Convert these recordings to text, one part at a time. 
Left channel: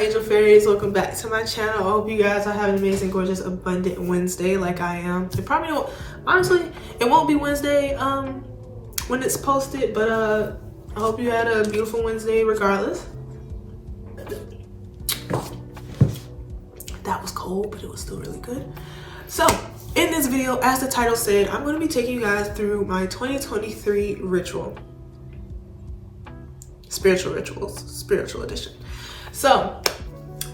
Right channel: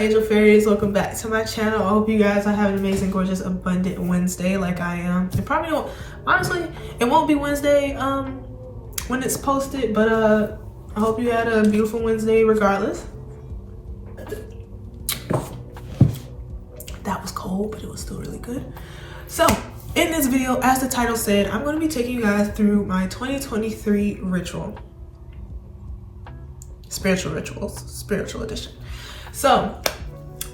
angel fairies, welcome back to my channel. I hope you guys are having an amazing, gorgeous, abundant Wednesday like I am. It probably won't, honestly, it won't be Wednesday when it's posted, but I hope you had a beautiful Wednesday regardless. That was cold, but it was still really good. So in this video, as the title said, I'm going to be taking you guys through my 2023 ritual. Spiritual rituals, spiritual edition. So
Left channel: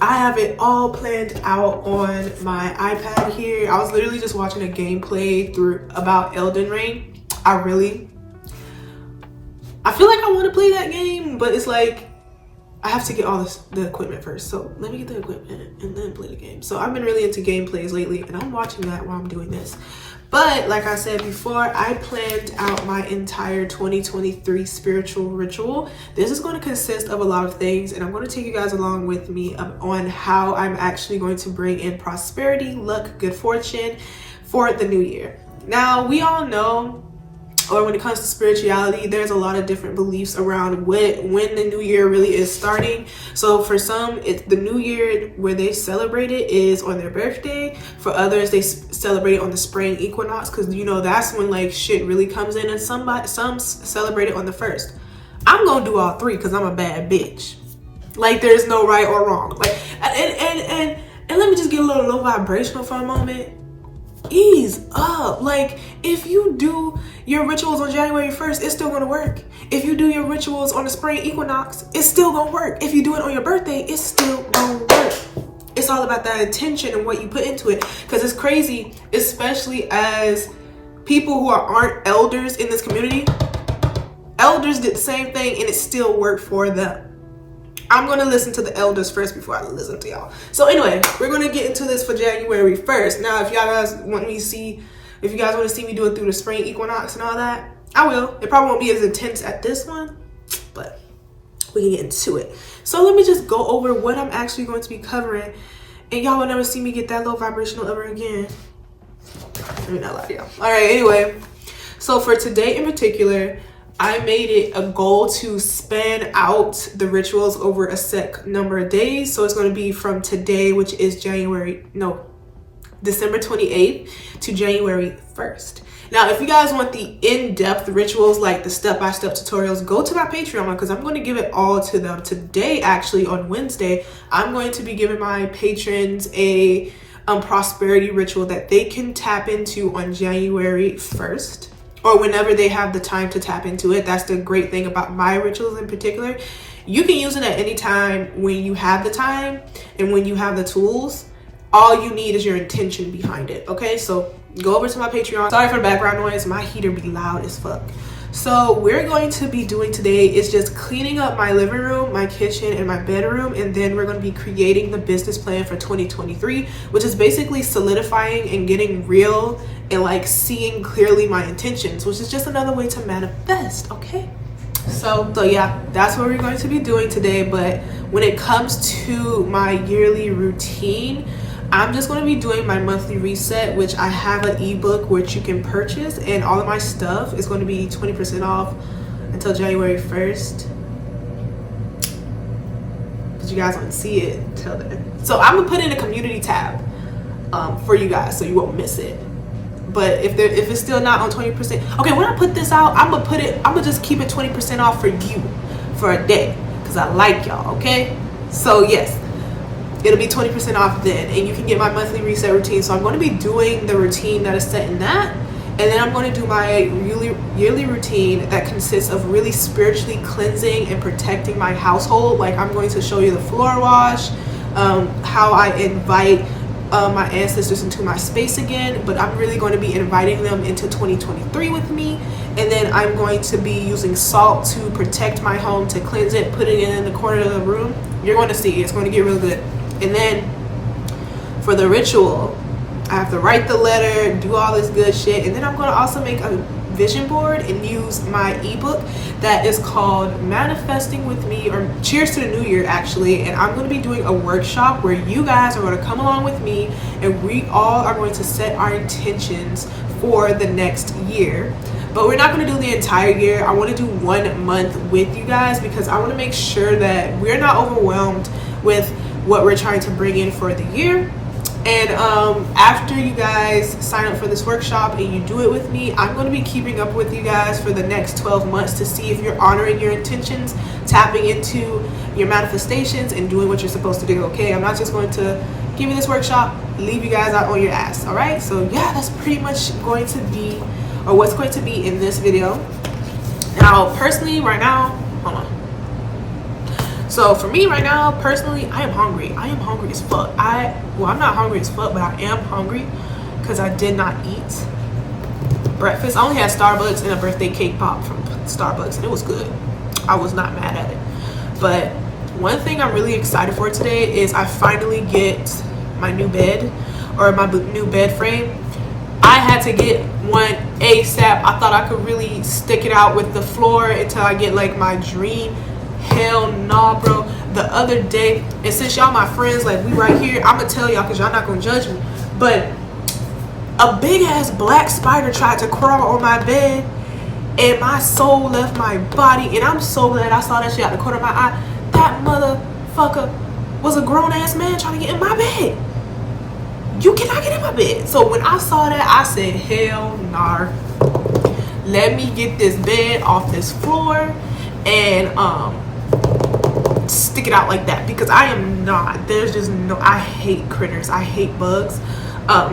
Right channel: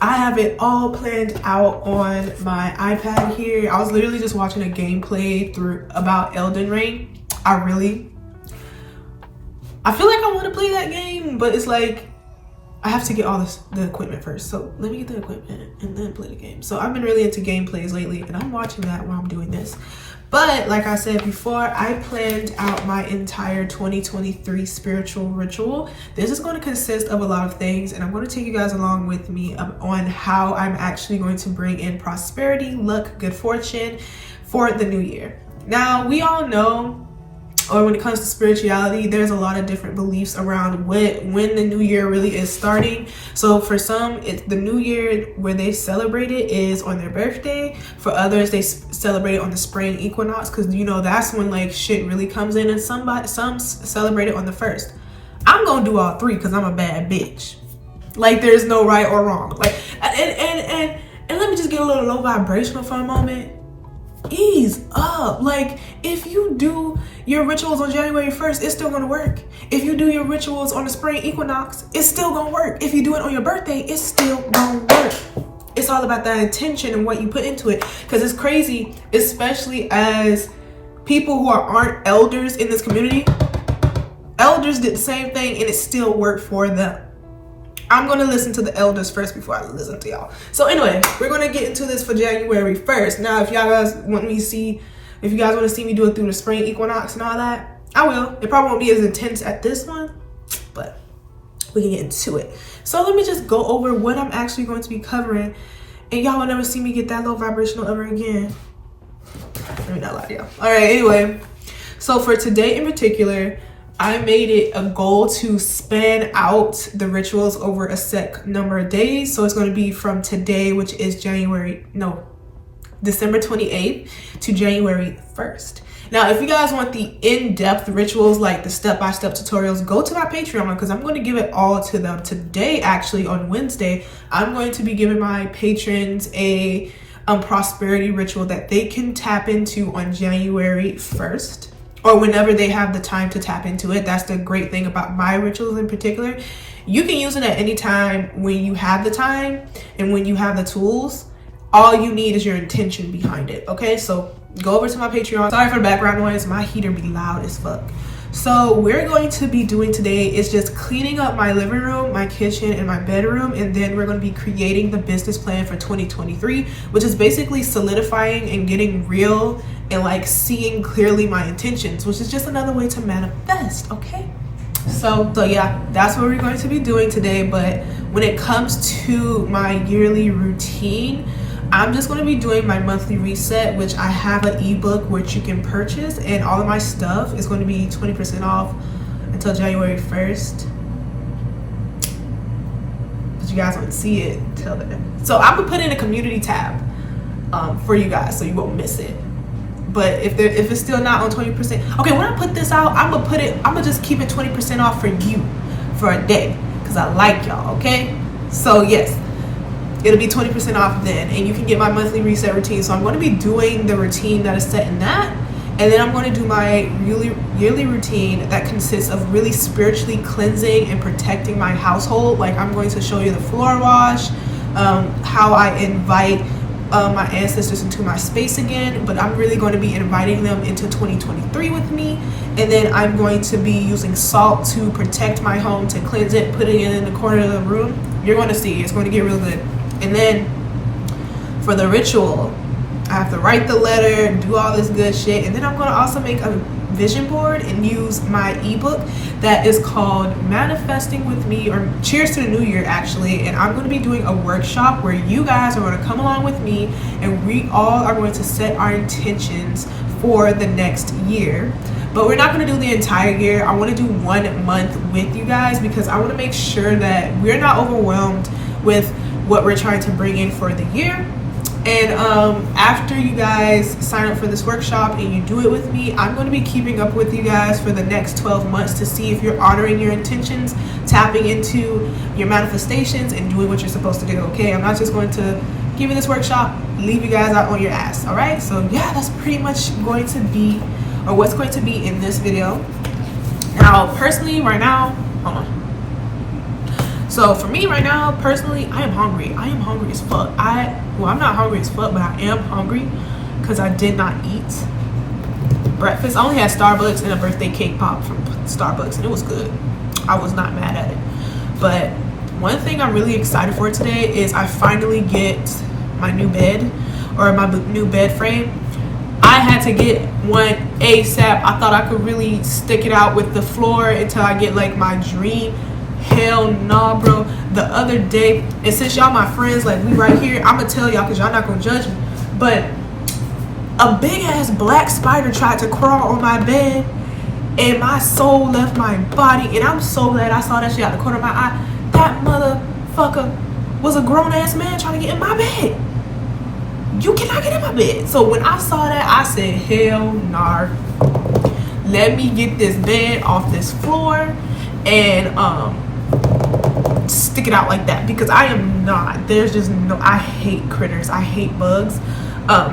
I have it all planned out on my iPad here. I was literally just watching a gameplay through about Elden Ring. I feel like I want to play that game, but it's like I have to get all the equipment first. So let me get the equipment and then play the game. So I've been really into gameplays lately and I'm watching that while I'm doing this. But like I said before, I planned out my entire 2023 spiritual ritual. This is going to consist of a lot of things, and I'm going to take you guys along with me on how I'm actually going to bring in prosperity, luck, good fortune for the new year. Now, we all know, or when it comes to spirituality, there's a lot of different beliefs around when the new year really is starting. So for some, it's the new year where they celebrate it is on their birthday. For others, they celebrate it on the spring equinox, because you know that's when like shit really comes in, and some celebrate it on the 1st. I'm gonna do all three because I'm a bad bitch. Like there's no right or wrong. Like and let me just get a little low vibrational for a moment. Ease up. Like if you do your rituals on January 1st, it's still gonna work. If you do your rituals on the spring equinox, it's still gonna work. If you do it on your birthday, it's still gonna work. It's all about that intention and what you put into it, because it's crazy, especially as people who aren't elders in this community. Elders did the same thing and it still worked for them. I'm gonna listen to the elders first before I listen to y'all. So anyway, we're gonna get into this for January 1st. Now, if y'all guys want me to see, if you guys want to see me do it through the spring equinox and all that, I will. It probably won't be as intense at this one, but we can get into it. So let me just go over what I'm actually going to be covering, and y'all will never see me get that low vibrational ever again. Let me not lie to y'all. All right, anyway. So for today in particular, I made it a goal to span out the rituals over a set number of days. So it's going to be from today, which is December 28th to January 1st. Now, if you guys want the in-depth rituals, like the step-by-step tutorials, go to my Patreon, because I'm going to give it all to them. Today, actually, on Wednesday, I'm going to be giving my patrons a prosperity ritual that they can tap into on January 1st. Or whenever they have the time to tap into it. That's the great thing about my rituals in particular. You can use it at any time when you have the time and when you have the tools. All you need is your intention behind it, okay? So go over to my Patreon. Sorry for the background noise, my heater be loud as fuck. So we're going to be doing today is just cleaning up my living room, my kitchen, and my bedroom, and then we're going to be creating the business plan for 2023, which is basically solidifying and getting real and like seeing clearly my intentions, which is just another way to manifest, okay? So yeah, that's what we're going to be doing today. But when it comes to my yearly routine, I'm just going to be doing my monthly reset, which I have an ebook which you can purchase, and all of my stuff is going to be 20% off until January 1st. But you guys won't see it until then. So I'm gonna put in a community tab for you guys so you won't miss it. But if it's still not on 20%, okay, when I put this out, I'm gonna just keep it 20% off for you for a day, because I like y'all, okay? So yes, it'll be 20% off then, and you can get my monthly reset routine. So I'm going to be doing the routine that is set in that, and then I'm going to do my yearly routine that consists of really spiritually cleansing and protecting my household. Like I'm going to show you the floor wash, how I invite my ancestors into my space again, but I'm really going to be inviting them into 2023 with me. And then I'm going to be using salt to protect my home, to cleanse it, putting it in the corner of the room. You're going to see, it's going to get real good. And then for the ritual, I have to write the letter, do all this good shit, and then I'm going to also make a vision board and use my ebook that is called Manifesting with Me, or Cheers to the New Year actually. And I'm going to be doing a workshop where you guys are going to come along with me, and we all are going to set our intentions for the next year. But we're not going to do the entire year. I want to do 1 month with you guys, because I want to make sure that we're not overwhelmed with what we're trying to bring in for the year. And after you guys sign up for this workshop and you do it with me, I'm going to be keeping up with you guys for the next 12 months to see if you're honoring your intentions, tapping into your manifestations, and doing what you're supposed to do. Okay, I'm not just going to give you this workshop, leave you guys out on your ass. All right, so yeah, that's pretty much going to be, or what's going to be in this video. Now personally right now, hold on. So for me right now, personally, I am hungry. I am hungry as fuck. Well, I'm not hungry as fuck, but I am hungry because I did not eat breakfast. I only had Starbucks and a birthday cake pop from Starbucks, and it was good. I was not mad at it. But one thing I'm really excited for today is I finally get my new bed, or my new bed frame. I had to get one ASAP. I thought I could really stick it out with the floor until I get like my dream. Hell nah, bro. The other day, and since y'all my friends, like we right here, I'm gonna tell y'all because y'all not gonna judge me, but a big ass black spider tried to crawl on my bed and my soul left my body, and I'm so glad I saw that shit out the corner of my eye. That motherfucker was a grown ass man trying to get in my bed. You cannot get in my bed. So when I saw that, I said, hell nah. Let me get this bed off this floor and stick it out like that, because I am not, there's just no, I hate critters, I hate bugs. I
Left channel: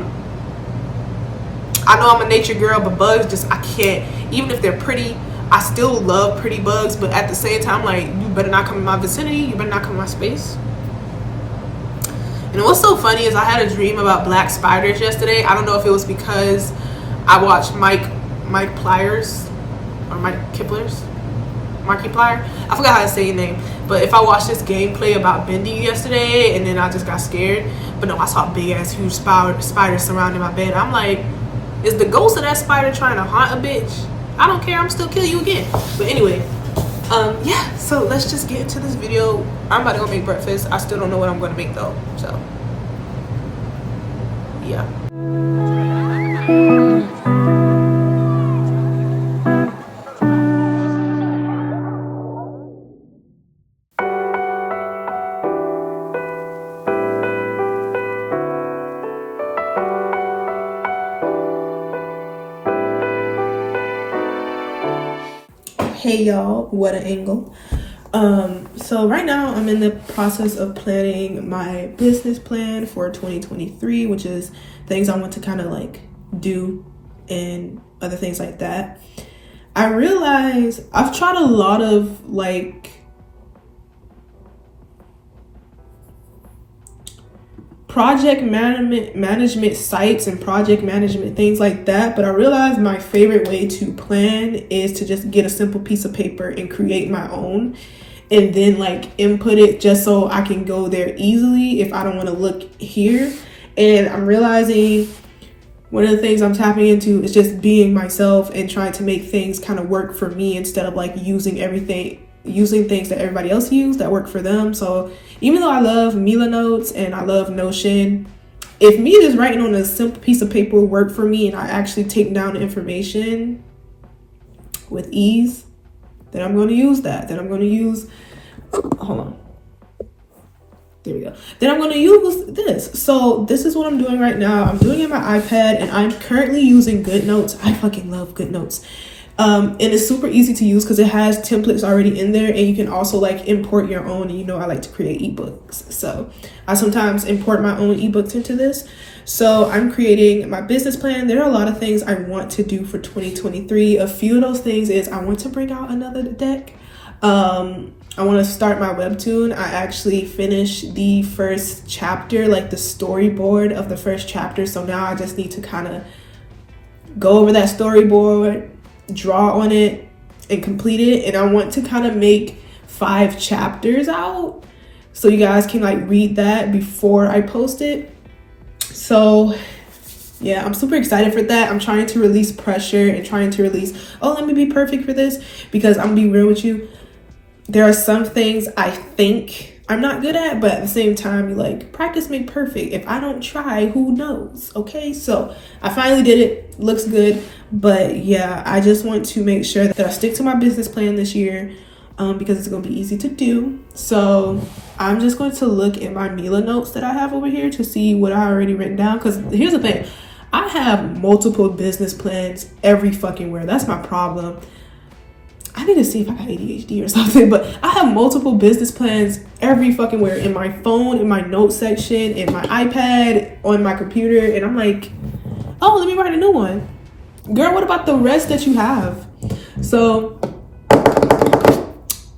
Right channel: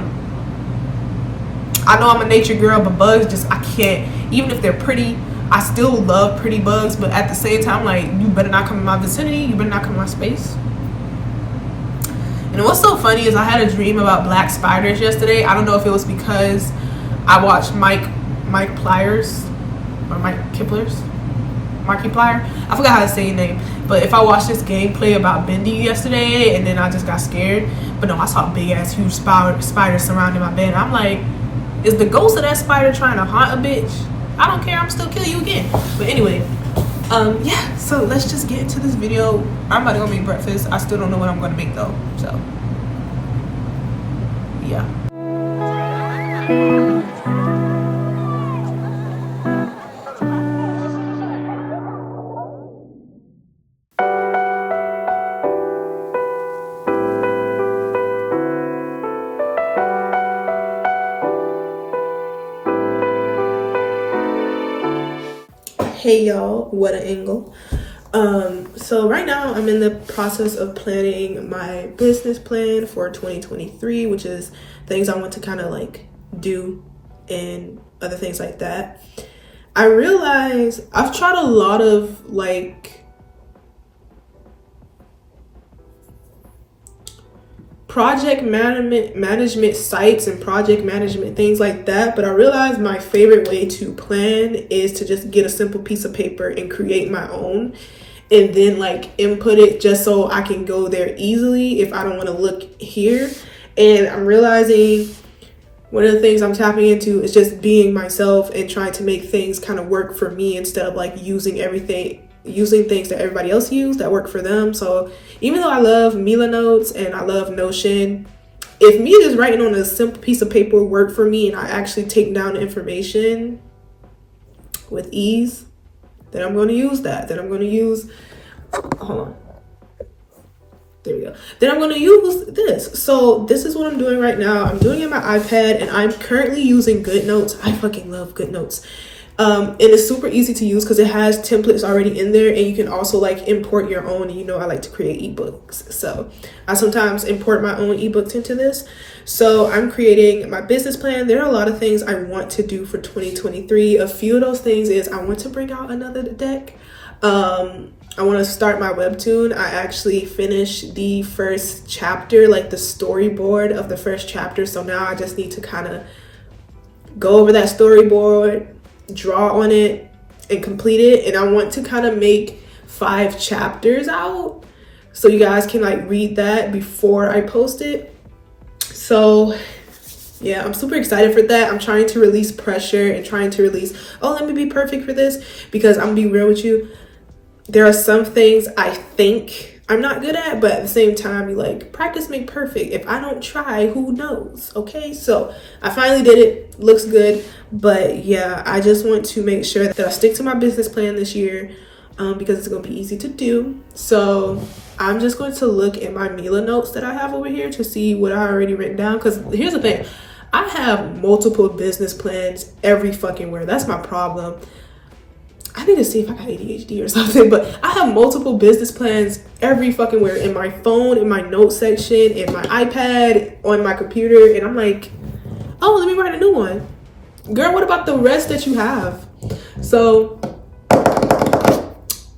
know I'm a nature girl, but bugs just, I can't, even if they're pretty, I still love pretty bugs, but at the same time, like, you better not come in my vicinity, you better not come in my space. And what's so funny is I had a dream about black spiders yesterday. I don't know if it was because I watched Mike Pliers, or Mike Kiplers, Markiplier, I forgot how to say his name, but if I watched this gameplay about Bendy yesterday and then I just got scared, but no, I saw a big ass huge spider surrounding my bed. I'm like, is the ghost of that spider trying to haunt a bitch? I don't care, I'm still kill you again. But anyway, yeah, so let's just get into this video. I'm about to go make breakfast. I still don't know what I'm gonna make though, so yeah. Hey y'all, what an angle. So right now I'm in the process of planning my business plan for 2023, which is things I want to kind of like do and other things like that. I realize I've tried a lot of like project management sites and project management things like that, but I realized my favorite way to plan is to just get a simple piece of paper and create my own, and then like input it just so I can go there easily if I don't want to look here. And I'm realizing one of the things I'm tapping into is just being myself and trying to make things kind of work for me instead of like using things that everybody else use that work for them. So even though I love Mila Notes and I love Notion, if me just writing on a simple piece of paper work for me and I actually take down the information with ease, then I'm going to use that. Then I'm going to use, hold on. There we go. Then I'm going to use this. So this is what I'm doing right now. I'm doing it on my iPad and I'm currently using GoodNotes. I fucking love GoodNotes. And it's super easy to use because it has templates already in there, and you can also like import your own. And you know I like to create ebooks, so I sometimes import my own ebooks into this. So I'm creating my business plan. There are a lot of things I want to do for 2023. A few of those things is I want to bring out another deck. I want to start my webtoon. I actually finished the first chapter, like the storyboard of the first chapter. So now I just need to kind of go over that storyboard, draw on it, and complete it. And I want to kind of make 5 chapters out so you guys can like read that before I post it. So yeah, I'm super excited for that. I'm trying to release pressure and trying to release, oh, let me be perfect for this, because I'm gonna be real with you. There are some things I think I'm not good at, but at the same time, you like practice make perfect. If I don't try, who knows? Okay, so I finally did it. Looks good. But yeah, I just want to make sure that I stick to my business plan this year. because it's going to be easy to do. So I'm just going to look at my Mila notes that I have over here to see what I already written down. Because here's the thing, I have multiple business plans every fucking where. That's my problem. I need to see if I got ADHD or something, but I have multiple business plans every fucking where, in my phone, in my notes section, in my iPad, on my computer. And I'm like, oh, let me write a new one. Girl, what about the rest that you have? So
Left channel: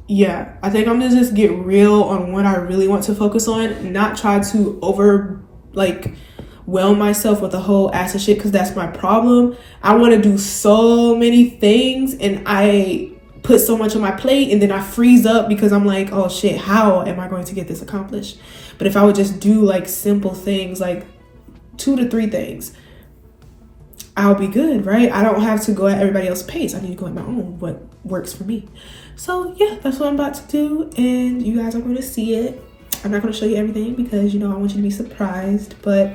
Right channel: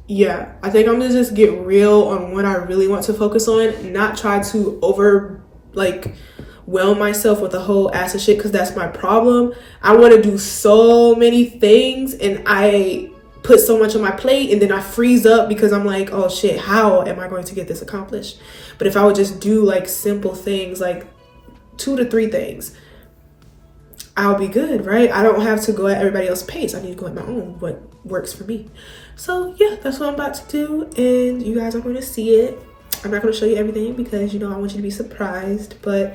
yeah, I think I'm gonna just get real on what I really want to focus on, not try to whelm myself with a whole ass of shit, because that's my problem. I want to do so many things and I put so much on my plate, and then I freeze up because I'm like, oh shit, how am I going to get this accomplished? But if I would just do like simple things, like 2 to 3 things, I'll be good, right? I don't have to go at everybody else's pace. I need to go at my own, what works for me. So yeah, that's what I'm about to do, and you guys are going to see it. I'm not going to show you everything because, you know, I want you to be surprised, but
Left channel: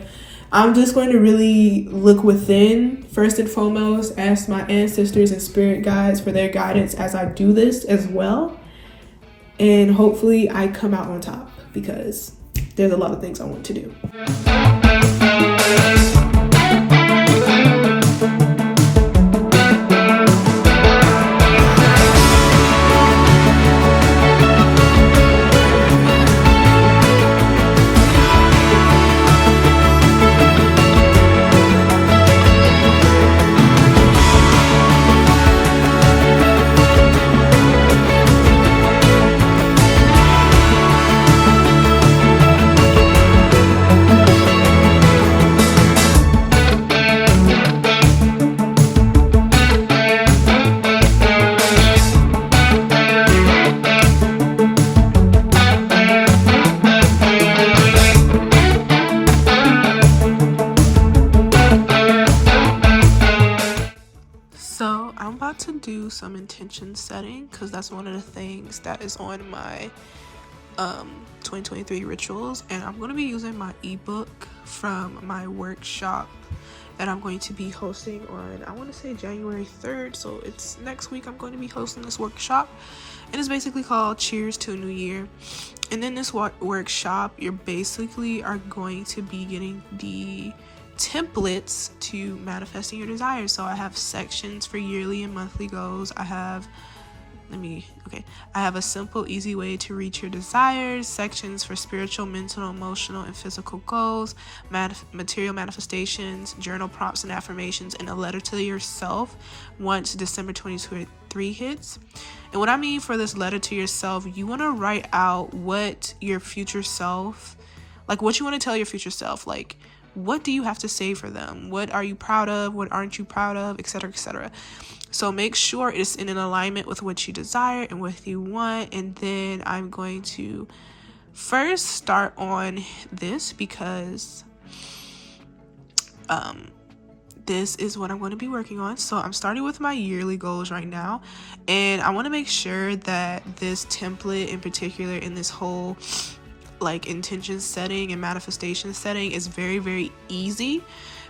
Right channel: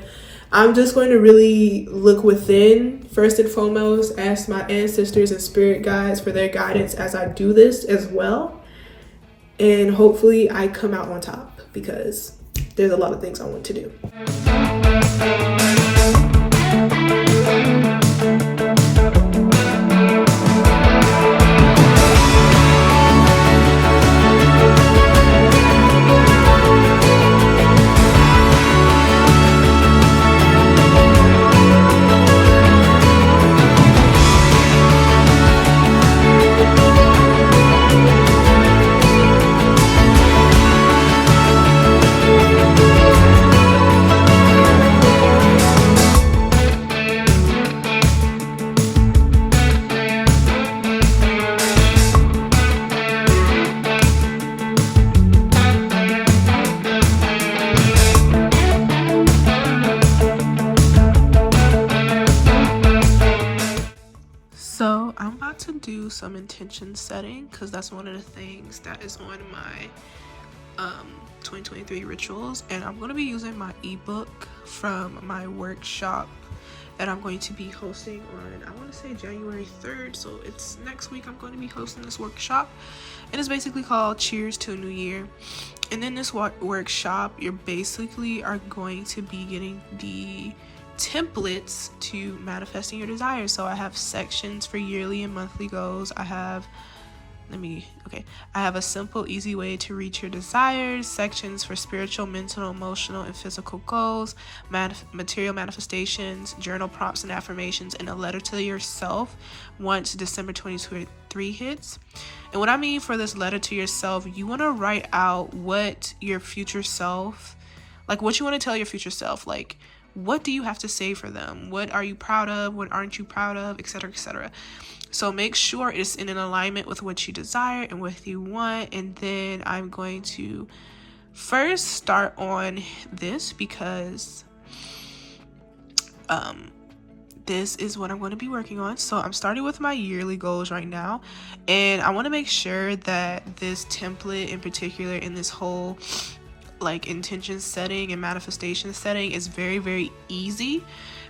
I'm just going to really look within first and foremost, ask my ancestors and spirit guides for their guidance as I do this as well. And hopefully I come out on top, because there's a lot of things I want to do. So I'm about to do some intention setting, because that's one of the things that is on my 2023 rituals, and I'm going to be using my ebook from my workshop that I'm going to be hosting on, I want to say January 3rd, so it's next week. I'm going to be hosting this workshop, and it's basically called Cheers to a New Year. And in this workshop, you basically are going to be getting the templates to manifesting your desires. So I have sections for yearly and monthly goals. I have a simple, easy way to reach your desires, sections for spiritual, mental, emotional, and physical goals, material manifestations, journal prompts and affirmations, and a letter to yourself once December 2023 hits. And what I mean for this letter to yourself, you want to write out what your future self, like what you want to tell your future self, like what do you have to say for them? What are you proud of? What aren't you proud of? Etc., etc. So make sure it's in an alignment with what you desire and what you want. And then I'm going to first start on this, because this is what I'm going to be working on. So I'm starting with my yearly goals right now, and I want to make sure that this template in particular, in this whole like intention setting and manifestation setting, is very, very easy,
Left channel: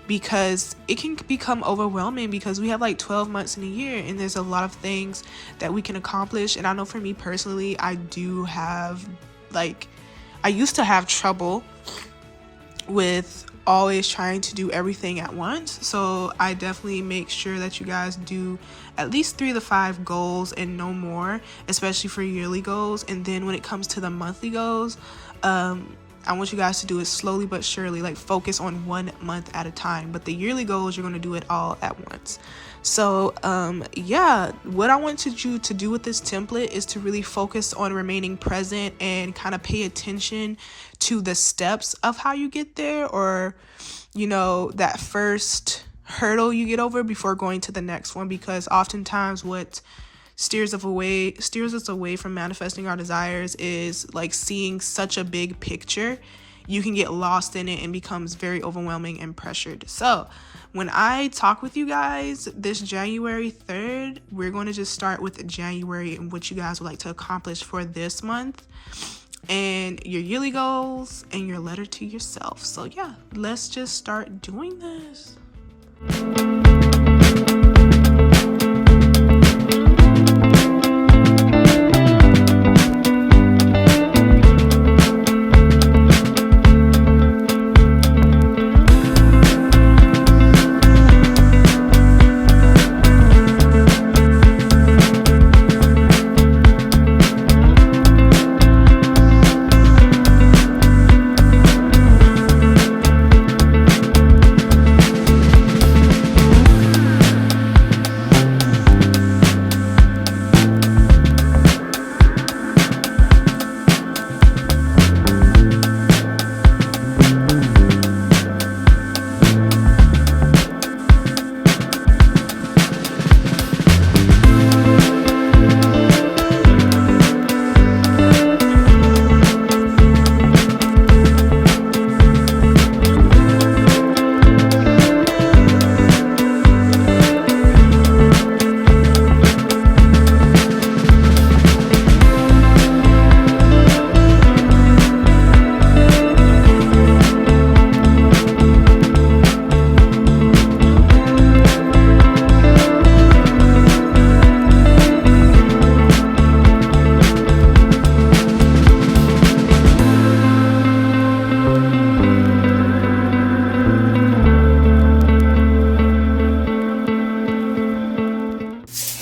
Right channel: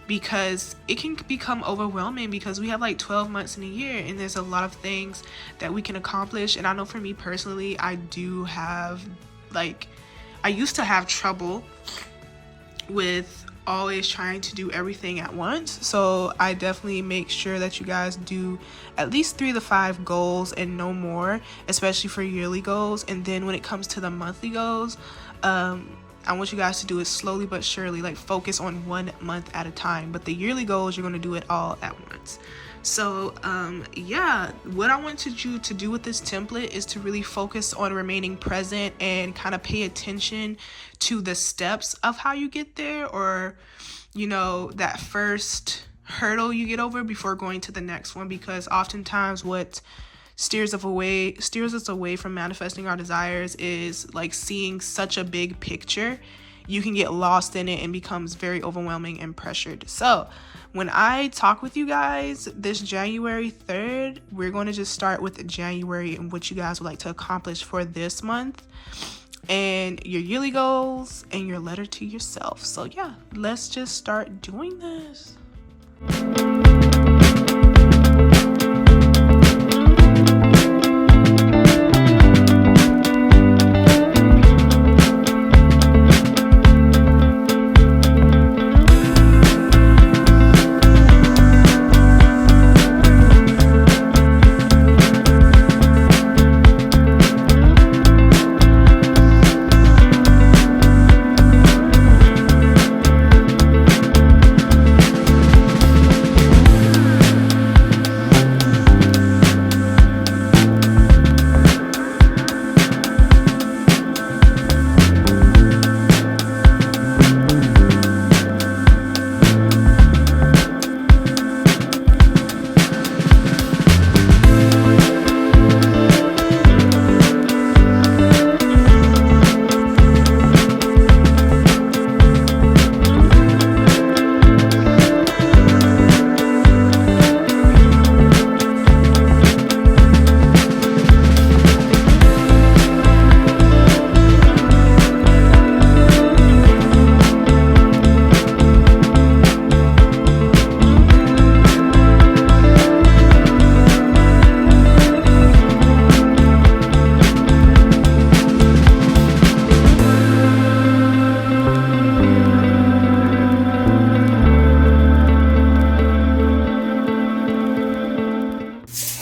because it can become overwhelming, because we have like 12 months in a year and there's a lot of things that we can accomplish. And I know for me personally, I used to have trouble with always trying to do everything at once. So I definitely make sure that you guys do at least 3 to 5 goals and no more, especially for yearly goals. And then when it comes to the monthly goals, I want you guys to do it slowly but surely, like focus on 1 month at a time. But the yearly goals, you're going to do it all at once. So yeah, what I wanted you to do with this template is to really focus on remaining present and kind of pay attention to the steps of how you get there, or you know, that first hurdle you get over before going to the next one. Because oftentimes what steers us away from manifesting our desires is like seeing such a big picture. You can get lost in it and becomes very overwhelming and pressured. So when I talk with you guys this January 3rd, we're going to just start with January and what you guys would like to accomplish for this month, and your yearly goals and your letter to yourself. So yeah, let's just start doing this.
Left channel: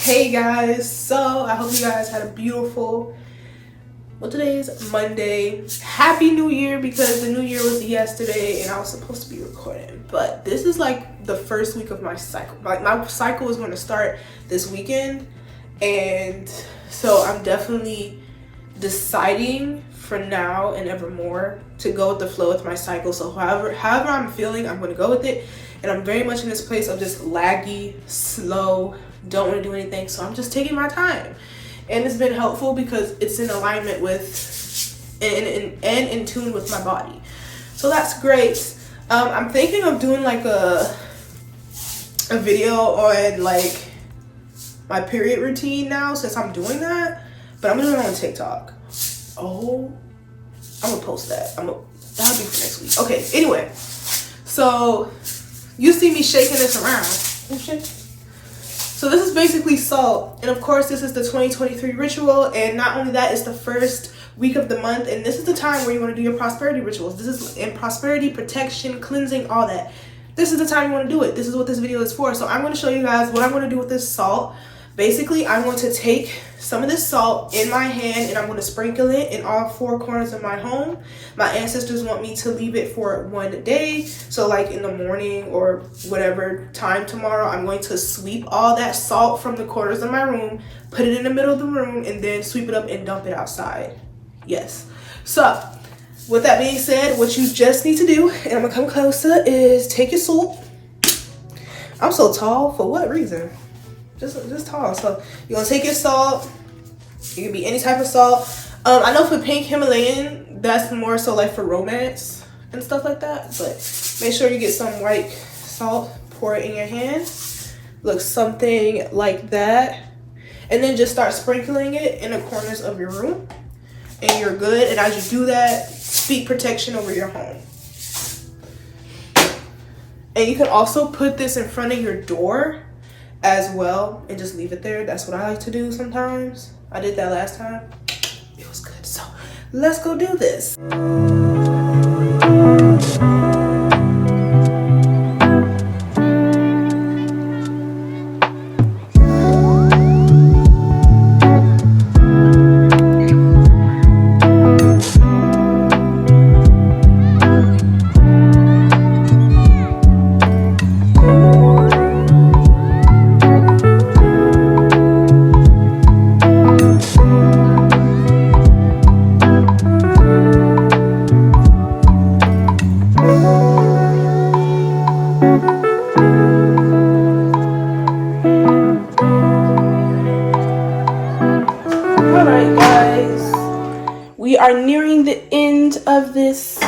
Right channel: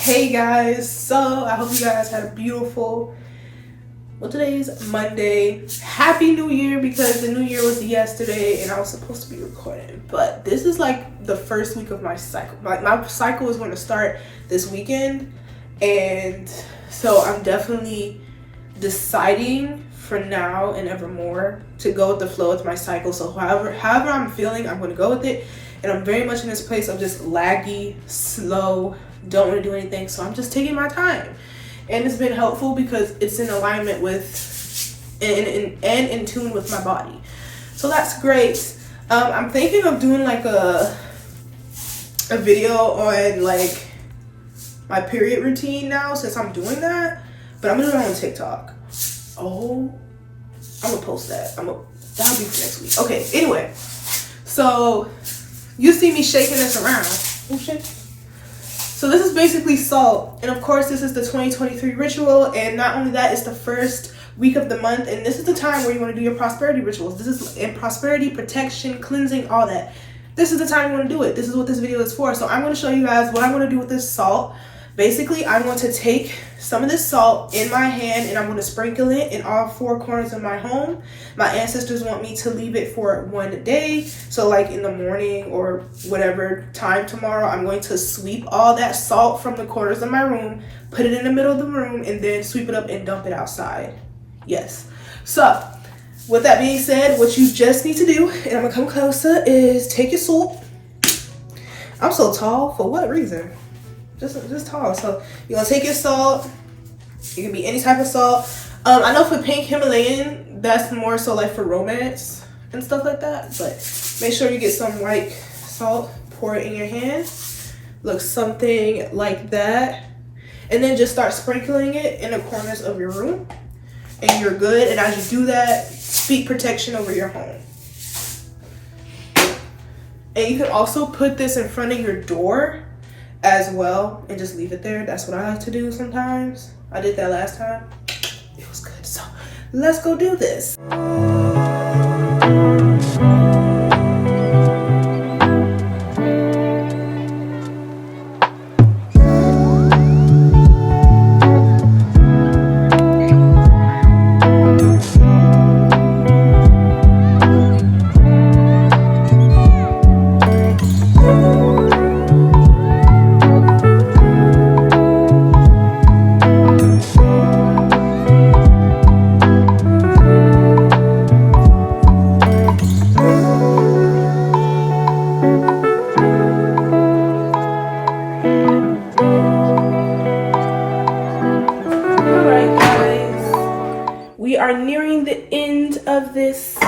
Hey guys, so I hope you guys had a beautiful, well, today is Monday. Happy New Year, because the new year was yesterday and I was supposed to be recording, but this is like the first week of my cycle. Like my cycle is going to start this weekend, and so I'm definitely deciding for now and evermore to go with the flow with my cycle. So however I'm feeling, I'm going to go with it. And I'm very much in this place of just laggy, slow, don't want to do anything. So I'm just taking my time. And it's been helpful because it's in alignment with and in tune with my body. So that's great. I'm thinking of doing like a video on like my period routine now, since I'm doing that. But I'm doing it on TikTok. Oh, I'm gonna post that. That'll be for next week. Okay, anyway. So you see me shaking this around. Oh shit. So this is basically salt. And of course, this is the 2023 ritual. And not only that, it's the first week of the month. And this is the time where you want to do your prosperity rituals. This is in prosperity, protection, cleansing, all that. This is the time you want to do it. This is what this video is for. So I'm going to show you guys what I'm going to do with this salt. Basically, I'm going to take some of this salt in my hand and I'm going to sprinkle it in all four corners of my home. My ancestors want me to leave it for 1 day. So like in the morning or whatever time tomorrow, I'm going to sweep all that salt from the corners of my room, put it in the middle of the room, and then sweep it up and dump it outside. Yes. So with that being said, what you just need to do, and I'm going to come closer, is take your salt. I'm so tall. For what reason? This tall. So you're gonna take your salt. It can be any type of salt. I know for pink Himalayan, that's more so like for romance and stuff like that. But make sure you get some white salt, pour it in your hand. Looks something like that. And then just start sprinkling it in the corners of your room. And you're good. And as you do that, speak protection over your home. And you can also put this in front of your door as well and just leave it there. That's what I like to do sometimes. I did that last time. It was good. So let's go do this. We are nearing the end of this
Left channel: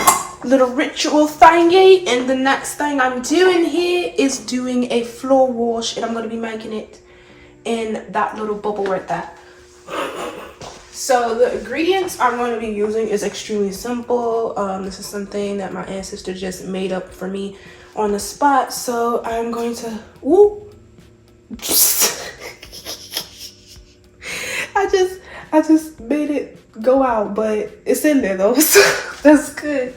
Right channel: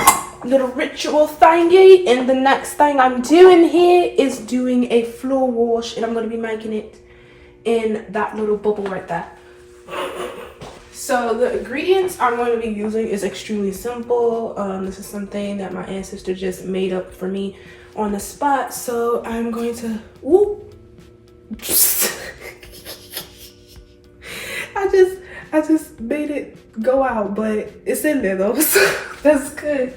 little ritual thingy, and the next thing I'm doing here is doing a floor wash, and I'm going to be making it in that little bubble right there. So the ingredients I'm going to be using is extremely simple. This is something that my ancestor just made up for me on the spot, so I'm going to I just made it go out, but it's in there though, so that's good.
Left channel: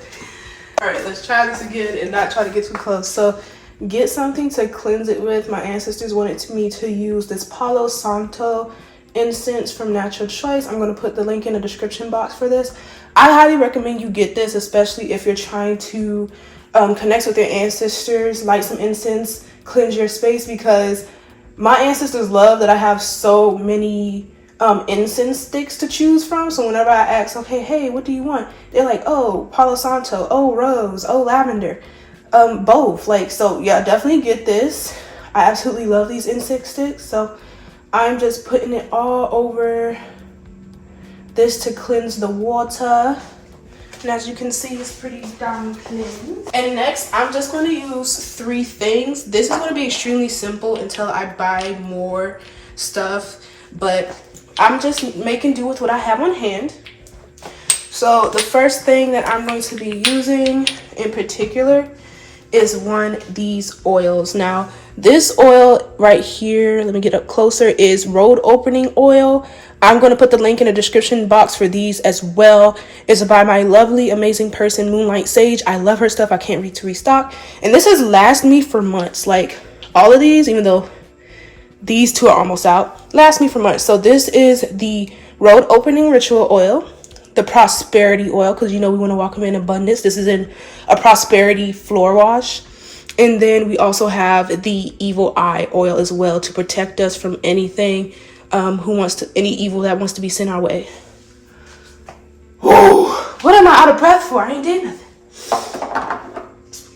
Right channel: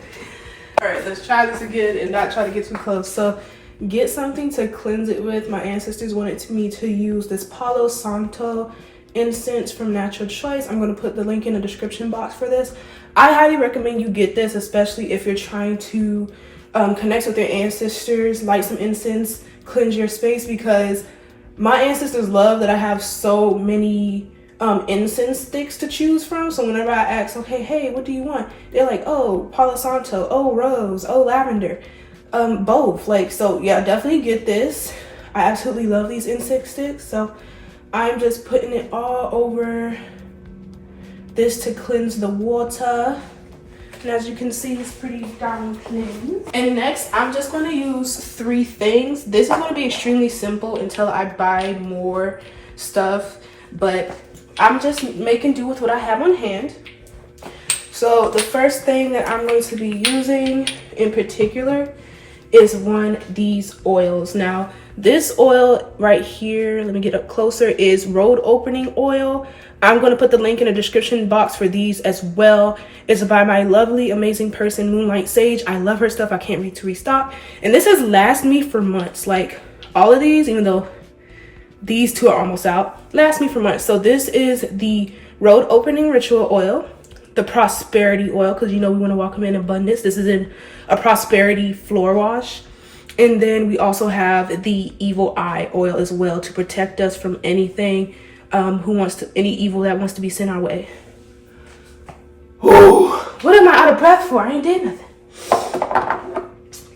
All right, let's try this again and not try to get too close. So get something to cleanse it with. My ancestors wanted me to use this Palo Santo incense from Natural Choice. I'm going to put the link in the description box for this. I highly recommend you get this, especially if you're trying to connect with your ancestors, light some incense, cleanse your space, because my ancestors love that I have so many incense sticks to choose from. So whenever I ask, okay, hey, what do you want? They're like, oh, Palo Santo, oh, rose, oh, lavender, both. Like, so yeah, definitely get this. I absolutely love these incense sticks. So I'm just putting it all over this to cleanse the water. And as you can see, it's pretty darn clean. And next, I'm just going to use 3 things. This is going to be extremely simple until I buy more stuff, but I'm just making do with what I have on hand. So the first thing that I'm going to be using in particular is these oils. Now, this oil right here, let me get up closer, is road opening oil. I'm going to put the link in the description box for these as well. It's by my lovely, amazing person, Moonlight Sage. I love her stuff. I can't wait to restock. And this has lasted me for months. Like, all of these, even though These two are almost out. Last me for months. So this is the road opening ritual oil, the prosperity oil, because you know we want to walk in abundance. This is in a prosperity floor wash. And then we also have the evil eye oil as well to protect us from anything any evil that wants to be sent our way. Oh, what am I out of breath for? I ain't did nothing.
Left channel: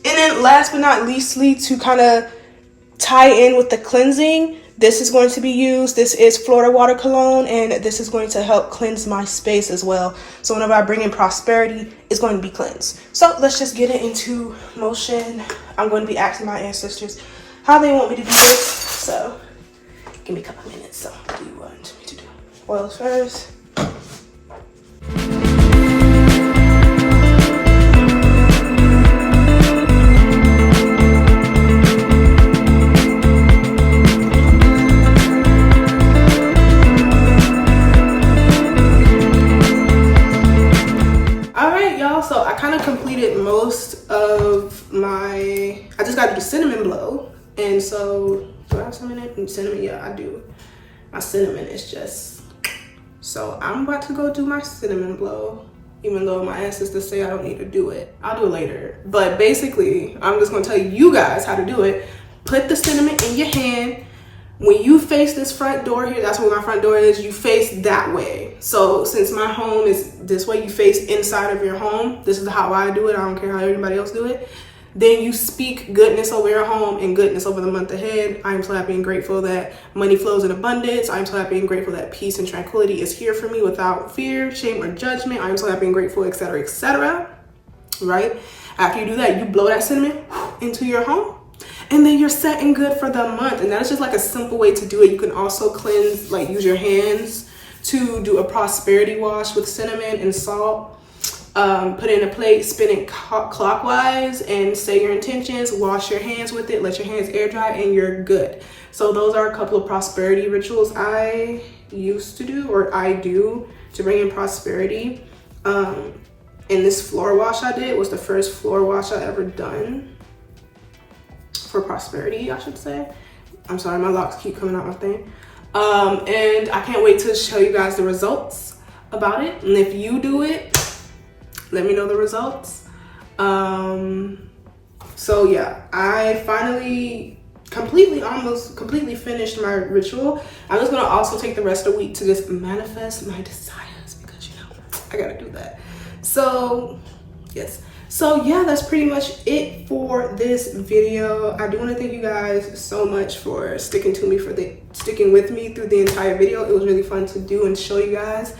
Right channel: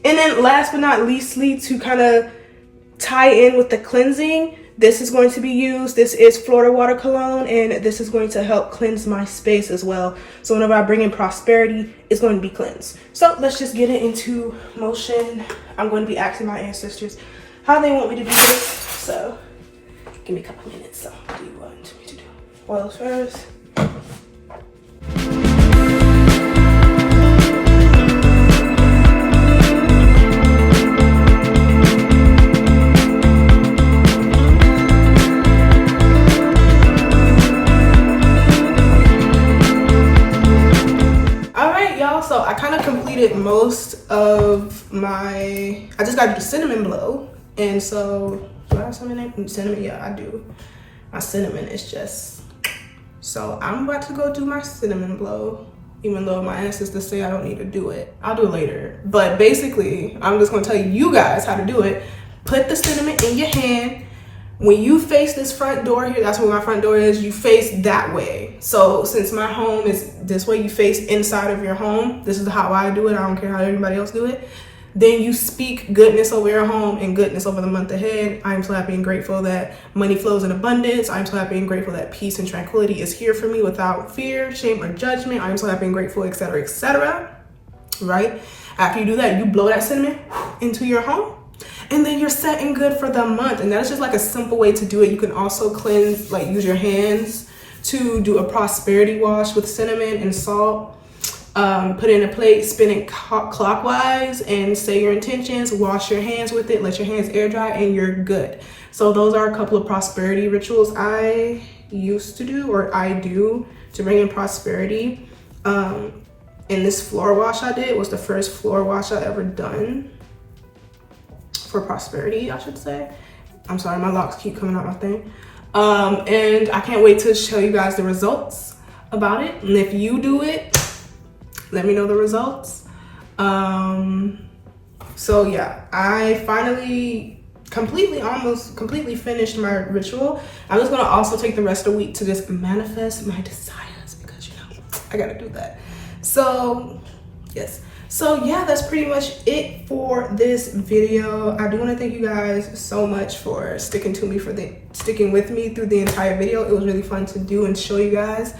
And then last but not leastly, to kind of tie in with the cleansing, this is going to be used. This is Florida Water Cologne, and this is going to help cleanse my space as well. So whenever I bring in prosperity, it's going to be cleansed. So let's just get it into motion. I'm going to be asking my ancestors how they want me to do this. So give me a couple minutes. So what do you want me to do? Oils first. So I kind of completed most of I just got to do cinnamon blow. And so, do I have cinnamon? Cinnamon, yeah, I do. My cinnamon is just, so I'm about to go do my cinnamon blow, even though my ancestors say I don't need to do it. I'll do it later. But basically, I'm just gonna tell you guys how to do it. Put the cinnamon in your hand. When you face this front door here, that's where my front door is, you face that way. So since my home is this way, you face inside of your home. This is how I do it. I don't care how anybody else do it. Then you speak goodness over your home and goodness over the month ahead. I am so happy and grateful that money flows in abundance. I am so happy and grateful that peace and tranquility is here for me without fear, shame, or judgment. I am so happy and grateful, etc., etc. Right? After you do that, you blow that cinnamon into your home. And then you're set and good for the month. And that is just like a simple way to do it. You can also cleanse, like use your hands to do a prosperity wash with cinnamon and salt. Put it in a plate, spin it clockwise and say your intentions, wash your hands with it, let your hands air dry, and you're good. So those are a couple of prosperity rituals I used to do, or I do, to bring in prosperity. And this floor wash I did was the first floor wash I ever done. For prosperity, I should say. I'm sorry, my locks keep coming out my thing. And I can't wait to show you guys the results about it. And if you do it, let me know the results. So yeah, I finally almost completely finished my ritual. I'm just gonna also take the rest of the week to just manifest my desires, because you know, I gotta do that. So yes. So yeah, that's pretty much it for this video. I do want to thank you guys so much for sticking with me through the entire video. It was really fun to do and show you guys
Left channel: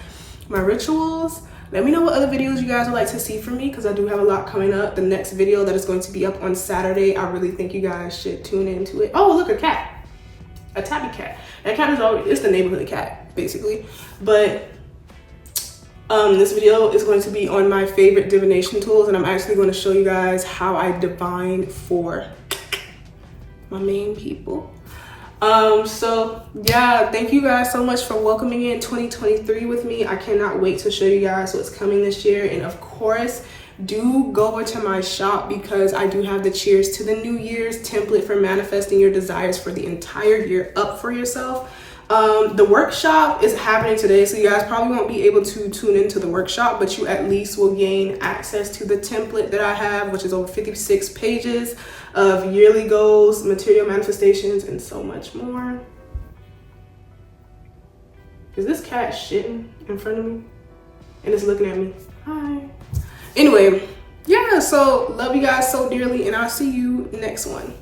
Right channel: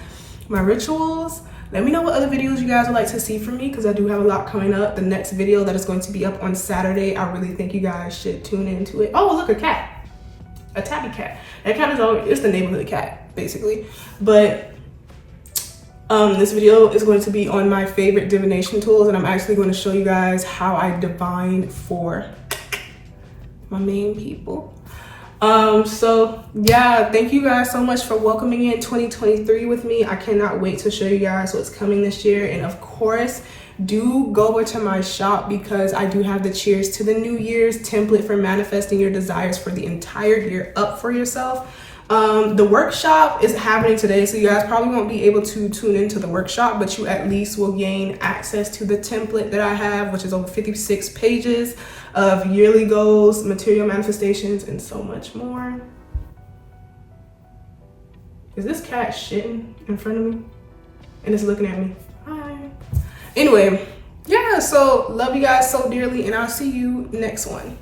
my rituals. Let me know what other videos you guys would like to see from me, because I do have a lot coming up. The next video that is going to be up on Saturday, I really think you guys should tune into it. Oh, look, a cat, a tabby cat. That cat is it's the neighborhood cat basically. But this video is going to be on my favorite divination tools, and I'm actually going to show you guys how I divine for my main people. So yeah, thank you guys so much for welcoming in 2023 with me. I cannot wait to show you guys what's coming this year. And of course, do go over to my shop, because I do have the Cheers to the New Year's template for manifesting your desires for the entire year up for yourself. The workshop is happening today, so you guys probably won't be able to tune into the workshop, but you at least will gain access to the template that I have, which is over 56 pages of yearly goals, material manifestations, and so much more. Is this cat shitting in front of me? And it's looking at me. Hi. Anyway, yeah, so love you guys so dearly, and I'll see you next one.